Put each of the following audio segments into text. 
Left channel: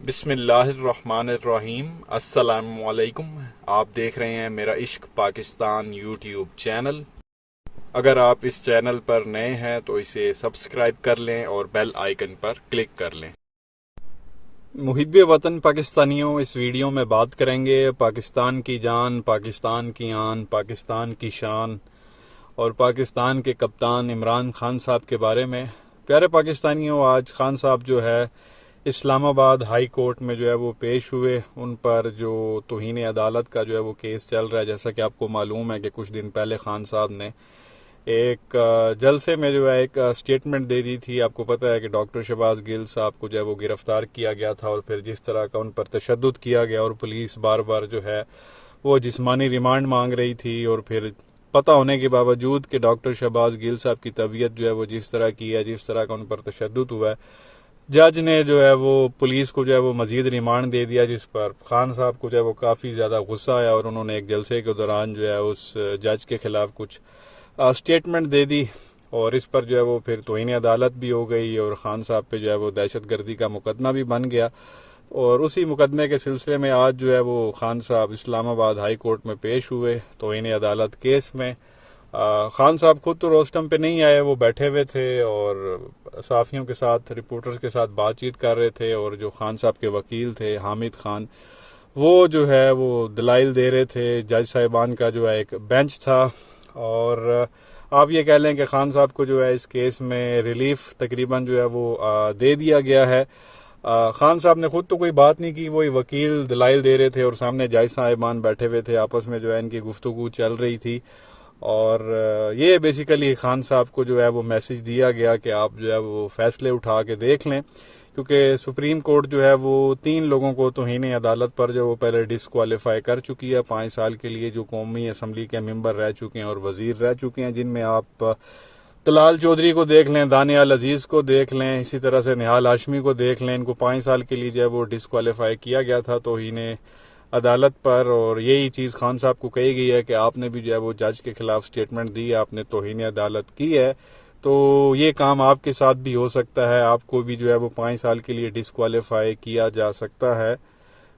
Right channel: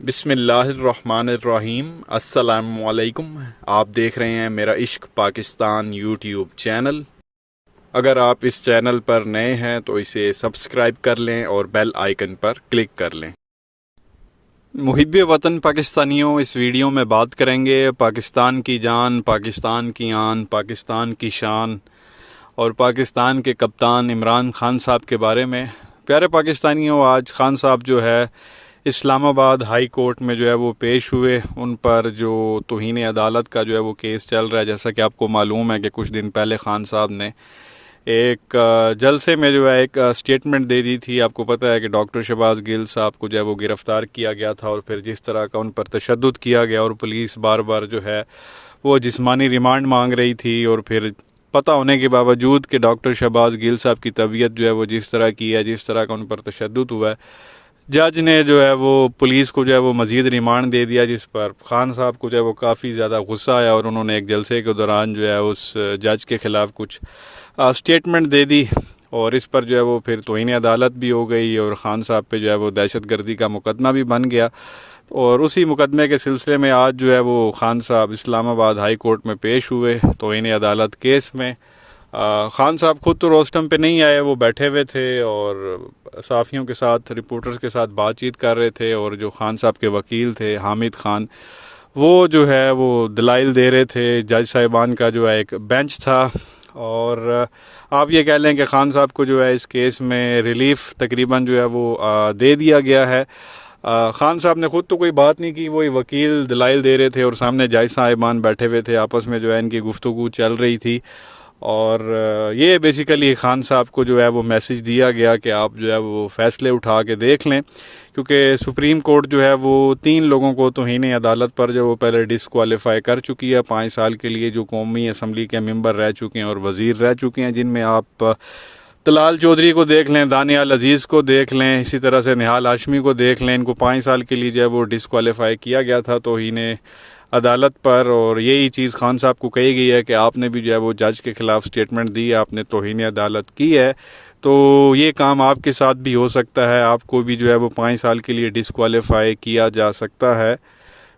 बिस्मिल्लाहिर्रहमानिर्रहीम। अस्सलामुअलैकुम। आप देख रहे हैं मेरा इश्क पाकिस्तान यूट्यूब चैनल। अगर आप इस चैनल पर नए हैं तो इसे सब्सक्राइब कर लें और बेल आइकन पर क्लिक कर लें। मुहिब्बे वतन पाकिस्तानियों, इस वीडियो में बात करेंगे पाकिस्तान की जान, पाकिस्तान की आन, पाकिस्तान की शान और पाकिस्तान के कप्तान इमरान खान साहब के बारे में। प्यारे पाकिस्तानियों, आज खान साहब जो है इस्लामाबाद हाई कोर्ट में जो है वो पेश हुए। उन पर जो तौहीन अदालत का जो है वो केस चल रहा है। जैसा कि आपको मालूम है कि कुछ दिन पहले खान साहब ने एक जलसे में जो है एक स्टेटमेंट दे दी थी। आपको पता है कि डॉक्टर शहबाज गिल साहब को जो है वो गिरफ़्तार किया गया था और फिर जिस तरह का उन पर तशद्दुद किया गया और पुलिस बार बार जो है वो जिस्मानी रिमांड मांग रही थी, और फिर पता होने के बावजूद कि डॉक्टर शहबाज गिल साहब की तबीयत जो है वो जिस तरह की है, जिस तरह का उन पर तशद्दुद हुआ है, जज ने जो है वो पुलिस को जो है वो मज़ीद रिमांड दे दिया, जिस पर खान साहब को जो है वो काफ़ी ज़्यादा गुस्सा आया और उन्होंने एक जलसे के दौरान जो है उस जज के ख़िलाफ़ कुछ स्टेटमेंट दे दी। और इस पर जो है वो फिर तौहीन अदालत भी हो गई और ख़ान साहब पे जो है वो दहशत गर्दी का मुकदमा भी बन गया। और उसी मुकदमे के सिलसिले में आज जो है वो खान साहब इस्लामाबाद हाई कोर्ट में पेश हुए तौहीन अदालत केस में। खान साहब खुद तो रोस्टम पे नहीं आए, वो बैठे हुए थे और साफ़ियों के साथ, रिपोर्टर्स के साथ बातचीत कर रहे थे। और जो खान साहब के वकील थे हामिद खान, वो जो है वो दलाइल दे रहे थे। जज साहिबान का जो है एक बेंच था और आप ये कह लें कि खान साहब को जो है इस केस में रिलीफ तकरीबन जो है वो दे दिया गया है। खान साहब ने खुद तो कोई बात नहीं की, वही वकील दलाइल दे रहे थे और सामने जज साहिबान बैठे हुए थे। आपस में जो है इनकी गुफ्तगू चल रही थी और ये बेसिकली खान साहब को जो है वो मैसेज दिया गया कि आप जो है वो फ़ैसले उठा के देख लें, क्योंकि सुप्रीम कोर्ट जो है वो 3 लोगों को तौहीन अदालत पर जो वो पहले डिसक्वालीफाई कर चुकी है 5 साल के लिए, जो कौमी असम्बली के मेंबर रह चुके हैं और वज़ीर रह चुके हैं, जिनमें आप तलाल चौधरी को देख लें, दानियाल अजीज़ को देख लें, इसी तरह से निहाल हाशमी को देख लें। इनको 5 साल के लिए जो है वो डिसक्वालीफाई किया गया था तौहीन अदालत पर। और यही चीज़ खान साहब को कही गई है कि आपने भी जो है वो जज के ख़िलाफ़ स्टेटमेंट दी है, आपने तौहीन अदालत की है, तो ये काम आपके साथ भी हो सकता है, आपको भी जो है वो 5 साल के लिए डिसक्वालीफाई किया जा सकता है।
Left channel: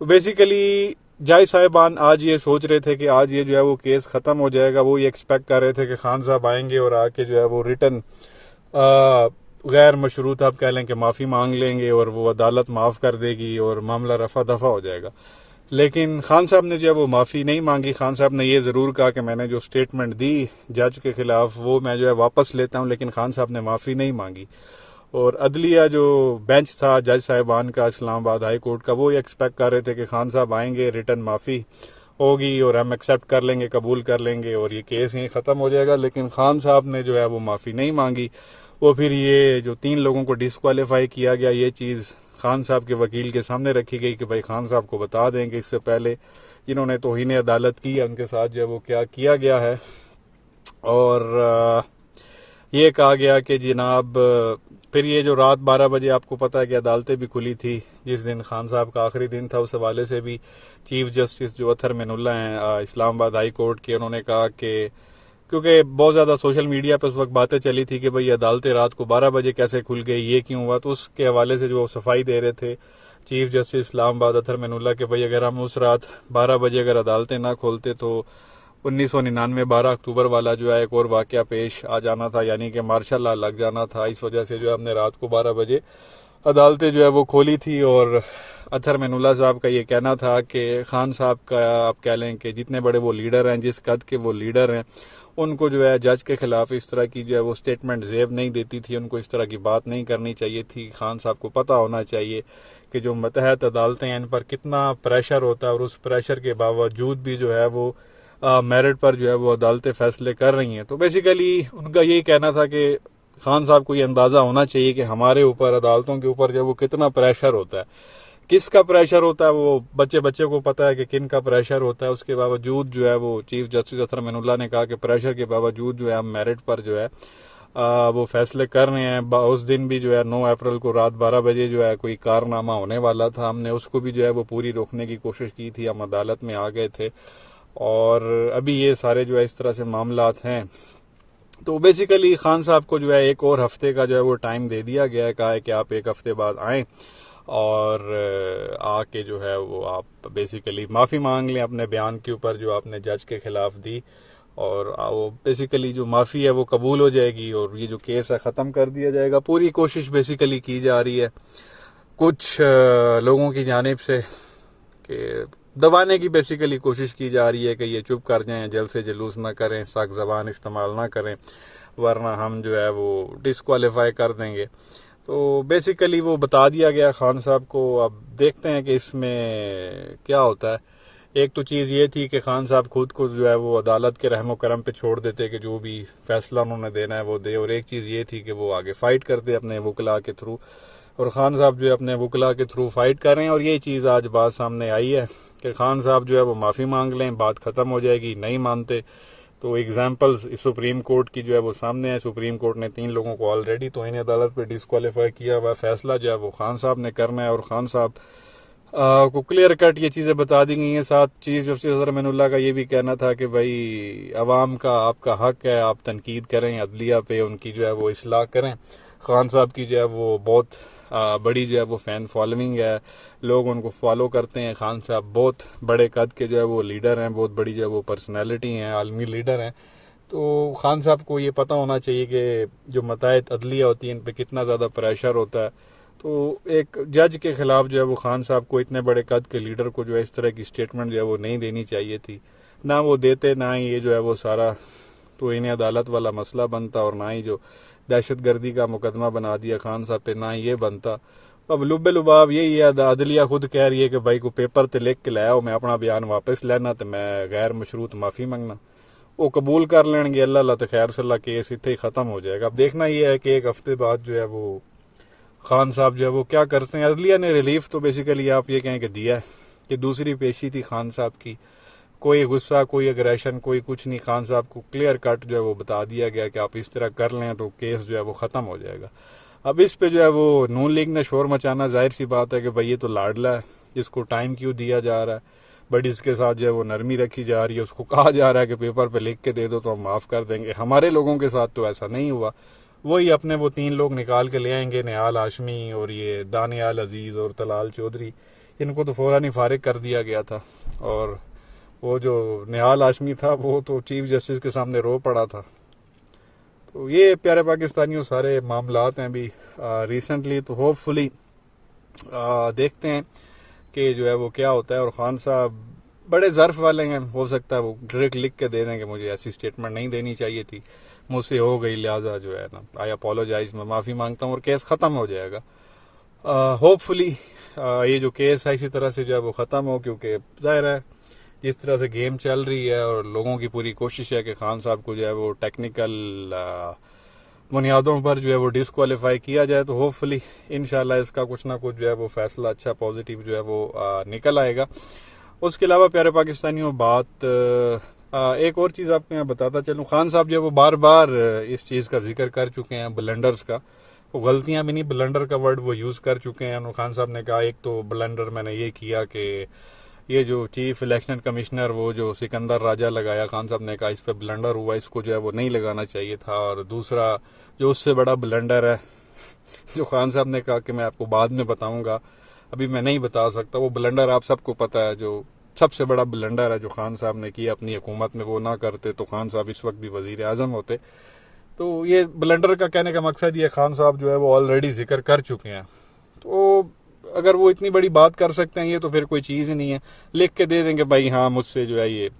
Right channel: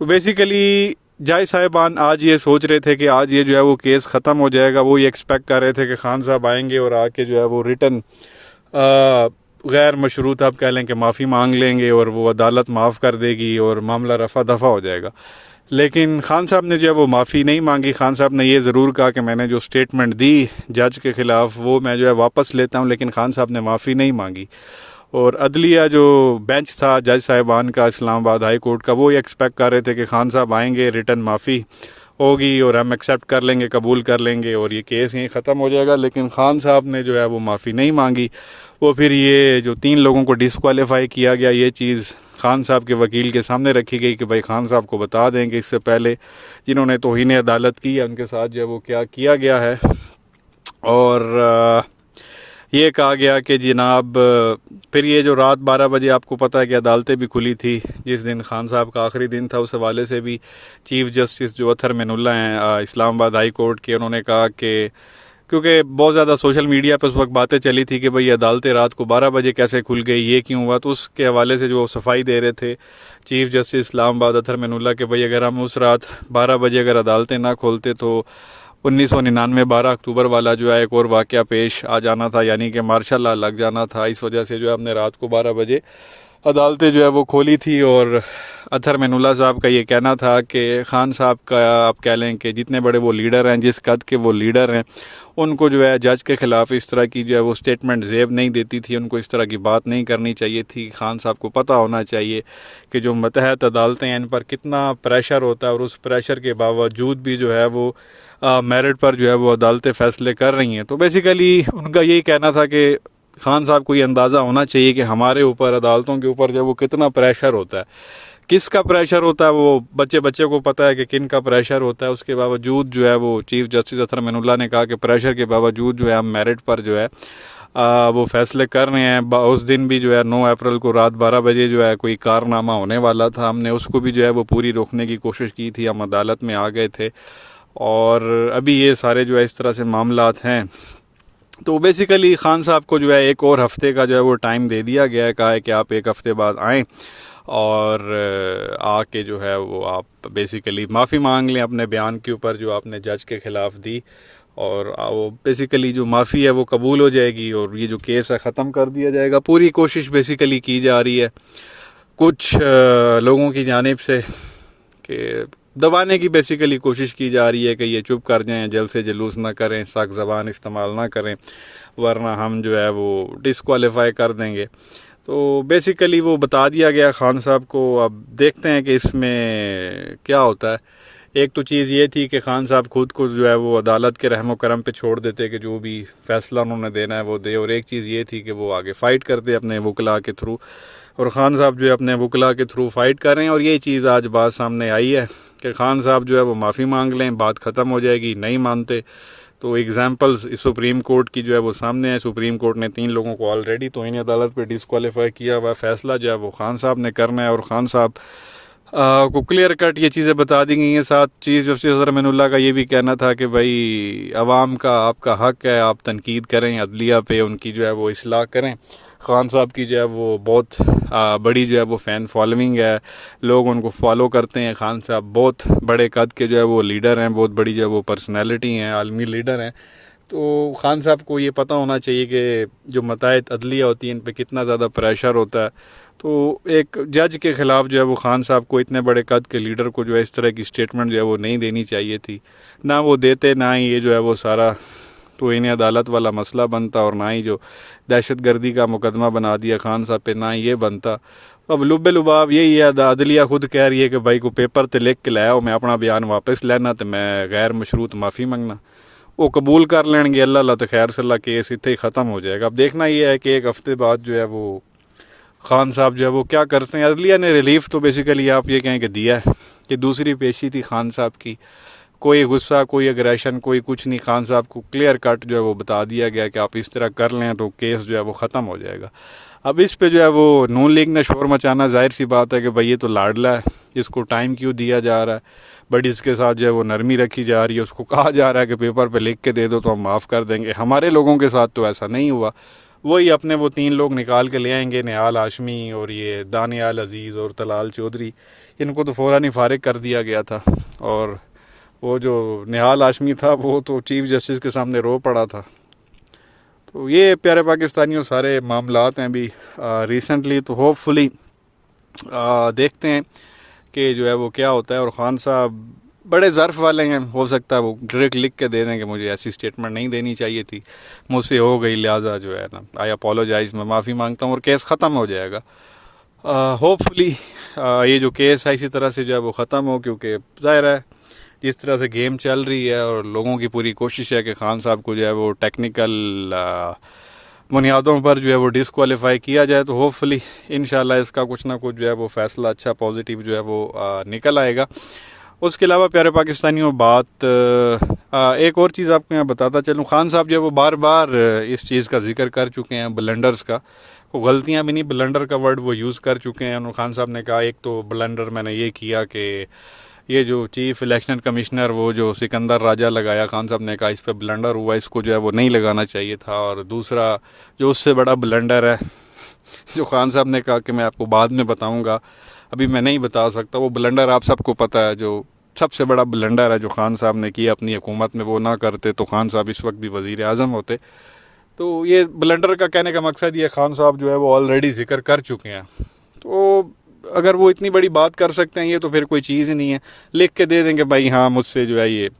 तो बेसिकली जज साहिबान आज ये सोच रहे थे कि आज ये जो है वो केस ख़त्म हो जाएगा। वो ये एक्सपेक्ट कर रहे थे कि खान साहब आएंगे और आके जो है वो रिटन गैर मशरूत आप कह लें कि माफ़ी मांग लेंगे और वो अदालत माफ़ कर देगी और मामला रफा दफा हो जाएगा। लेकिन खान साहब ने जो है वो माफ़ी नहीं मांगी। खान साहब ने ये ज़रूर कहा कि मैंने जो स्टेटमेंट दी जज के ख़िलाफ़ वो मैं जो है वापस लेता हूँ, लेकिन खान साहब ने माफ़ी नहीं मांगी। और अदलिया जो बेंच था जज साहिबान का इस्लामाबाद हाई कोर्ट का, वो ये एक्सपेक्ट कर रहे थे कि खान साहब आएंगे, रिटन माफ़ी होगी और हम एक्सेप्ट कर लेंगे, कबूल कर लेंगे और ये केस यहीं ख़त्म हो जाएगा। लेकिन खान साहब ने जो है वो माफ़ी नहीं मांगी। वो फिर ये जो 3 लोगों को डिसक्वालीफाई किया गया, ये चीज़ खान साहब के वकील के सामने रखी गई कि भाई खान साहब को बता दें कि इससे पहले जिन्होंने तौहीन अदालत की है उनके साथ जो है वो क्या किया गया है। और ये कहा गया कि जनाब फिर ये जो रात 12 बजे आपको पता है कि अदालतें भी खुली थी, जिस दिन खान साहब का आखिरी दिन था, उस हवाले से भी चीफ़ जस्टिस जो अतर मैनुल्लाह हैं इस्लामाबाद हाई कोर्ट के, उन्होंने कहा कि क्योंकि बहुत ज़्यादा सोशल मीडिया पर उस वक्त बातें चली थी कि भाई अदालतें रात को 12 बजे कैसे खुल गई, ये क्यों हुआ, तो उसके हवाले से जो सफाई दे रहे थे चीफ़ जस्टिस इस्लामाबाद अतर मैनुल्लाह के, भाई अगर हम उस रात 12 बजे अगर अदालतें ना खोलते तो 1999 12 अक्टूबर वाला जो है एक और वाक़या पेश आ जाना था, यानी कि मार्शल लॉ लग जाना था। इस वजह से जो है हमने रात को 12 बजे अदालतें जो है वो खोली थी। और अतर मैनुल्लाह साहब का ये कहना था कि खान साहब का आप कह लें कि जितने बड़े वो लीडर हैं, जिस कद के वो लीडर हैं, उनको जो है जज के ख़िलाफ़ इस तरह की जो है वो स्टेटमेंट ज़ेब नहीं देती थी, उनको इस तरह की बात नहीं करनी चाहिए थी। खान साहब को पता होना चाहिए कि जो मतहत अदालतें हैं इन पर कितना प्रेशर होता है और उस प्रेशर के बावजूद भी जो है वो मेरिट पर जो है वो अदालतें फ़ैसले कर रही हैं। तो बेसिकली उनका यही कहना था कि खान साहब को ये अंदाज़ा होना चाहिए कि हमारे ऊपर, अदालतों के ऊपर जो वो कितना प्रेशर होता है, किसका प्रेशर होता है, वो बच्चे को पता है कि किन का प्रेशर होता है। उसके बावजूद जो है वो चीफ़ जस्टिस अतर मैनुल्लाह ने कहा कि प्रेशर के बावजूद जो है हम मेरिट पर जो है वो फैसले कर रहे हैं। उस दिन भी जो है 9 अप्रैल को रात 12 बजे जो है कोई कारनामा होने वाला था, हमने उसको भी जो है वो पूरी रोकने की कोशिश की थी, हम अदालत में आ गए थे और अभी ये सारे जो है इस तरह से मामलात हैं। तो बेसिकली खान साहब को जो है एक और हफ़्ते का जो है वो टाइम दे दिया गया है, कहा है कि आप 1 हफ़्ते बाद आएँ और आके जो है वो आप बेसिकली माफ़ी मांग लें अपने बयान के ऊपर जो आपने जज के ख़िलाफ़ दी, और वो बेसिकली जो माफ़ी है वो कबूल हो जाएगी और ये जो केस है ख़त्म कर दिया जाएगा। पूरी कोशिश बेसिकली की जा रही है कुछ लोगों की जानिब से कि दबाने की बेसिकली कोशिश की जा रही है कि ये चुप कर जाएं, जल्द से जुलूस ना करें, सख्त ज़बान इस्तेमाल ना करें, वरना हम जो है वो डिसक्वालीफाई कर देंगे। तो बेसिकली वो बता दिया गया खान साहब को। अब देखते हैं कि इसमें क्या होता है। एक तो चीज़ ये थी कि खान साहब खुद को जो है वो अदालत के रहमो करम पे छोड़ देते कि जो भी फैसला उन्होंने देना है वो दे, और एक चीज़ ये थी कि वो आगे फ़ाइट करते अपने वकला के थ्रू, और ख़ान साहब जो है अपने वकला के थ्रू फ़ाइट कर रहे हैं। और ये चीज़ आज बात सामने आई है कि ख़ान साहब जो है वो माफ़ी मांग लें, बात ख़त्म हो जाएगी। नहीं मानते तो एग्जाम्पल्स इस सुप्रीम कोर्ट की जो है वो सामने है। सुप्रीम कोर्ट ने 3 लोगों को ऑलरेडी तौहीन अदालत पे डिसक्वालीफाई किया हुआ। फैसला जो है वो खान साहब ने करना है, और ख़ान साहब को क्लियर कट ये चीज़ें बता दी गई हैं। साथ चीफ जस्टिस अज़हर अमीनुल्लाह का ये भी कहना था कि भाई अवाम का आपका हक है, आप तनकीद करें अदलिया पे, उनकी जो है वो इस्लाह करें। खान साहब की जो है वो बहुत बड़ी जो है वो फ़ैन फॉलोइंग है, लोग उनको फॉलो करते हैं। खान साहब बहुत बड़े कद के जो है वो लीडर हैं, बहुत बड़ी जो है वो पर्सनैलिटी हैं, आलमी लीडर हैं। तो खान साहब को ये पता होना चाहिए कि जो मताहत अदलिया होती है इन पर कितना ज़्यादा प्रेशर होता है। तो एक जज के ख़िलाफ़ जो है वो खान साहब को, इतने बड़े कद के लीडर को जो है इस तरह की स्टेटमेंट जो है वो नहीं देनी चाहिए थी। ना वो देते, ना ही ये जो है वो सारा तो इन्हें अदालत वाला मसला बनता, और ना ही जो दहशत गर्दी का मुकदमा बना दिया खान साहब पे, ना ही ये बनता। अब लुबे लुबाब यही है, अदलिया खुद कह रही है कि भाई को पेपर तो लिख के लाया हो, मैं अपना बयान वापस लेना तो मैं गैर मशरूत माफ़ी मंगना, वो कबूल कर लेंगे। अल्लाह तो खैर सल्ला केस इतने ही ख़त्म हो जाएगा। अब देखना ये है कि एक हफ़्ते बाद जो है वो खान साहब जो है वो क्या करते हैं। अदलिया ने रिलीफ तो बेसिकली आप ये कहें कि दिया है कि दूसरी पेशी थी खान साहब की, कोई गुस्सा, कोई अग्रेशन, कोई कुछ नहीं। खान साहब को क्लियर कट जो है वो बता दिया गया कि आप इस तरह कर लें तो केस जो है वो ख़त्म हो जाएगा। अब इस पे जो है वो नून लीग ने शोर मचाना, जाहिर सी बात है कि भाई ये तो लाडला है, इसको टाइम क्यों दिया जा रहा है, बट इसके साथ जो है वो नरमी रखी जा रही है। उसको कहा जा रहा है कि पेपर पे लिख के दे दो तो हम माफ़ कर देंगे। हमारे लोगों के साथ तो ऐसा नहीं हुआ। वही अपने वो 3 लोग निकाल के ले आएंगे, निहाल हाशमी और ये दानियाल अजीज़ और तलाल चौधरी, इनको तो फ़ौरन ही फारिग कर दिया गया था। और वो जो निहाल हाशमी था वो तो चीफ जस्टिस के सामने रो पड़ा था। तो ये प्यारे पाकिस्तानियों सारे मामलात हैं अभी रिसेंटली। तो होपफुली देखते हैं कि जो है वो क्या होता है। और ख़ान साहब बड़े ज़र्फ़ वाले हैं, हो सकता है वो डायरेक्ट लिख के दे दें कि मुझे ऐसी स्टेटमेंट नहीं देनी चाहिए थी, मुझसे हो गई, लिहाजा जो है ना आई अपोलोजाइज़, मैं माफ़ी मांगता हूँ, और केस ख़त्म हो जाएगा। होपफुली ये जो केस है इसी तरह से जो है वो ख़त्म हो, क्योंकि ज़ाहिर है जिस तरह से गेम चल रही है और लोगों की पूरी कोशिश है कि खान साहब को जो है वो टेक्निकल बुनियादों पर जो है वो डिसक्वालीफाई किया जाए, तो होपफुली इंशाल्लाह इसका कुछ ना कुछ जो है वो फ़ैसला अच्छा पॉजिटिव जो है वो निकल आएगा। उसके अलावा प्यारे पाकिस्तानियों बात एक और चीज़ आपको यहाँ बताता चलूँ। खान साहब जो है वो बार बार इस चीज़ का जिक्र कर चुके हैं, ब्लंडर्स का, वो गलतियाँ भी नहीं, ब्लंडर का वर्ड वो यूज़ कर चुके हैं। उन्होंने खान साहब ने कहा एक तो ब्लंडर मैंने ये किया कि ये जो चीफ इलेक्शन कमिश्नर वो जो सिकंदर राजा लगाया, खान साहब ने कहा इस पर ब्लंडर हुआ, इसको जो है वो नहीं लगाना चाहिए था। और दूसरा जो उससे बड़ा ब्लंडर है जो खान साहब ने कहा कि मैं आपको बाद में बताऊंगा, अभी मैं नहीं बता सकता, वो ब्लंडर आप सबको पता है, जो सबसे बड़ा ब्लंडर है जो खान साहब ने किया अपनी हुकूमत में, वो ना करते तो खान साहब इस वक्त भी वज़ीर आज़म होते। तो ये ब्लंडर का कहने का मकसद ये खान साहब जो है वो ऑलरेडी जिक्र कर चुके हैं। तो अगर वो इतनी बड़ी बात कर सकते हैं ये तो फिर कोई चीज़ ही नहीं है, लिख के दे देंगे भाई हाँ मुझसे जो है ये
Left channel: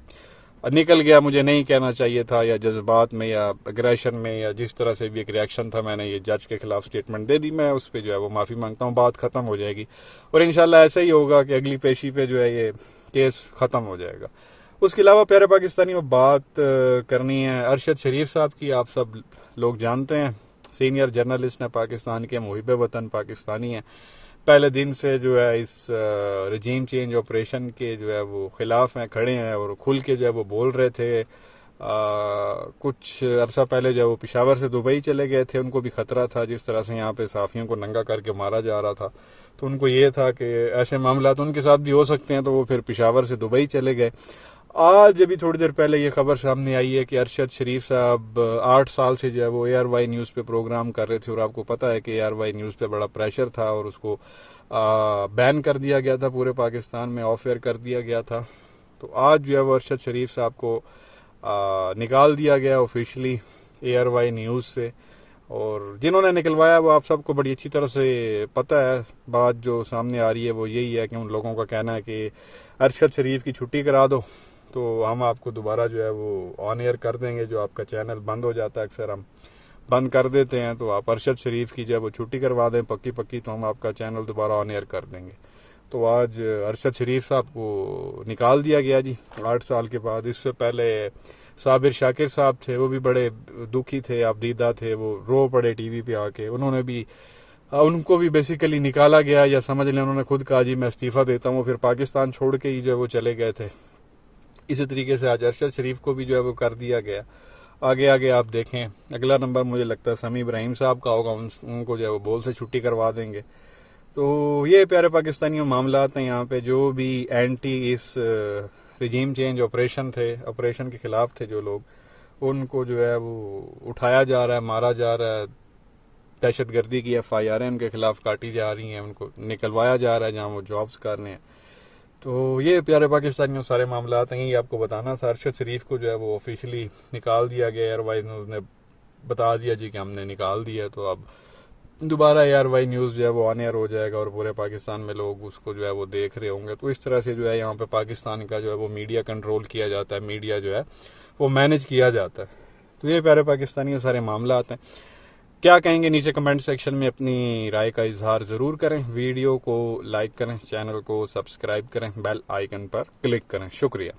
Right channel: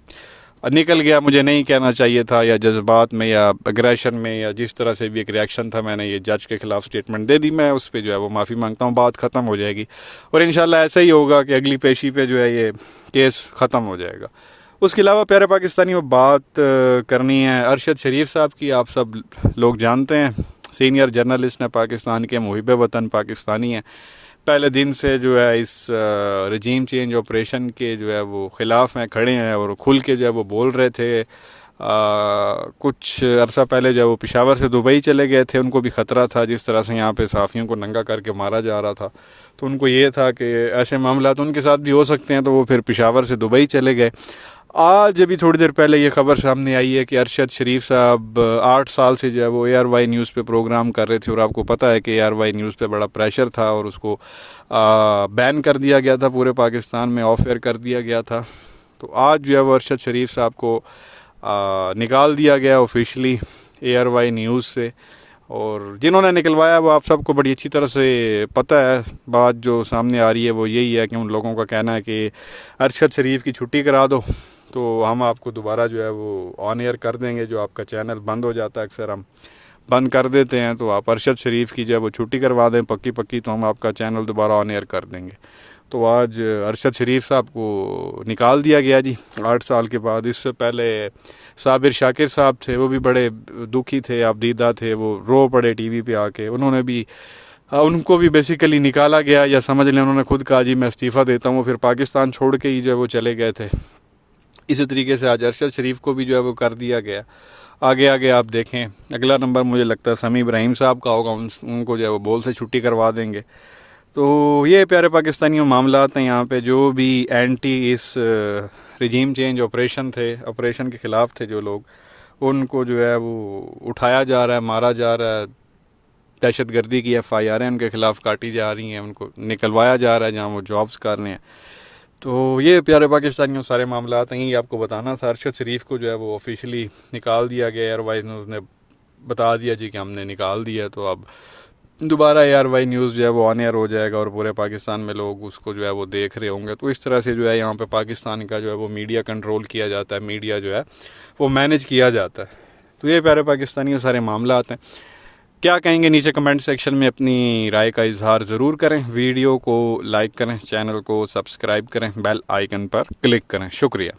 निकल गया, मुझे नहीं कहना चाहिए था, या जज्बात में या अग्रेशन में या जिस तरह से भी एक रिएक्शन था, मैंने ये जज के ख़िलाफ़ स्टेटमेंट दे दी, मैं उस पर जो है वो माफ़ी मांगता हूँ, बात ख़त्म हो जाएगी। और इंशाल्लाह ऐसा ही होगा कि अगली पेशी पे जो है ये केस ख़त्म हो जाएगा। उसके अलावा प्यारे पाकिस्तानी में बात करनी है अरशद शरीफ साहब की। आप सब लोग जानते हैं सीनियर जर्नलिस्ट हैं, पाकिस्तान के मुहिब वतन पाकिस्तानी हैं, पहले दिन से जो है इस रजीम चेंज ऑपरेशन के जो है वो ख़िलाफ़ हैं, खड़े हैं और खुल के जो है वो बोल रहे थे। कुछ अरसा पहले जो है वो पेशावर से दुबई चले गए थे, उनको भी ख़तरा था जिस तरह से यहाँ पे सहाफ़ियों को नंगा करके मारा जा रहा था, तो उनको ये था कि ऐसे मामला तो उनके साथ भी हो सकते हैं, तो वो फिर पेशावर से दुबई चले गए। आज अभी थोड़ी देर पहले ये खबर सामने आई है कि अरशद शरीफ साहब 8 साल से जो है वो ARY न्यूज़ पे प्रोग्राम कर रहे थे, और आपको पता है कि ARY न्यूज़ पे बड़ा प्रेशर था और उसको बैन कर दिया गया था, पूरे पाकिस्तान में ऑफ एयर कर दिया गया था। तो आज जो है वो अरशद शरीफ साहब को निकाल दिया गया ऑफिशियली ARY न्यूज़ से, और जिन्होंने निकलवाया वो आप सबको बड़ी अच्छी तरह से पता है। बात जो सामने आ रही है वो यही है कि उन लोगों का कहना है कि अरशद शरीफ की छुट्टी करा दो तो हम आपको दोबारा जो है वो ऑन एयर कर देंगे। जो आपका चैनल बंद हो जाता है, अक्सर हम बंद कर देते हैं, तो आप अरशद शरीफ की जो है वो छुट्टी करवा दें पक्की पक्की, तो हम आपका चैनल दोबारा ऑन एयर कर देंगे। तो आज अरशद शरीफ साहब को निकाल दिया गया जी 8 साल के बाद। इससे पहले साबिर शाकिर साहब थे, वो भी बड़े दुखी थे, आप दीदा थे, वो रो पड़े टीवी पे आके। उन्होंने भी उनको भी बेसिकली निकाला गया, या समझ लें उन्होंने खुद कहा जी मैं इस्तीफ़ा देता हूँ, फिर पाकिस्तान छोड़ के ही जो है वो चले गए थे। इसी तरीके से आज अरशद शरीफ को भी जो है वो कर दिया गया। आगे आगे आप देखें, अगला नंबर मुझे लगता है समी इब्राहिम साहब का होगा, उनको जो है वो बोल से छुट्टी करवा देंगे। तो ये प्यारे पाकिस्तानियों मामला हैं यहाँ पे। जो भी एंटी इस रिजीम चेंज ऑपरेशन के ख़िलाफ़ थे जो लोग, उनको जो है वो उठाया जा रहा है, मारा जा रहा है, दहशतगर्दी की FIR उनके ख़िलाफ़ काटी जा रही हैं, उनको निकलवाया जा रहा है जहाँ वो जॉब्स कर रहे हैं। तो ये प्यारे पाकिस्तानियों सारे मामला हैं, यही आपको बताना था। अरशद शरीफ को जो है वो ऑफिशियली निकाल दिया गया। ARY न्यूज़ ने बता दिया जी कि हमने निकाल दिया, तो अब दोबारा ARY न्यूज़ जो है वो ऑन एयर हो जाएगा और पूरे पाकिस्तान में लोग उसको जो है वो देख रहे होंगे। तो इस तरह से जो है यहाँ पे पाकिस्तान का जो है वो मीडिया कंट्रोल किया जाता है, मीडिया जो है वो मैनेज किया जाता है। तो ये प्यारे पाकिस्तानियों सारे मामला आते हैं। क्या कहेंगे नीचे कमेंट सेक्शन में अपनी राय का इजहार ज़रूर करें। वीडियो को लाइक करें, चैनल को सब्सक्राइब करें, बेल आइकन पर क्लिक करें। शुक्रिया।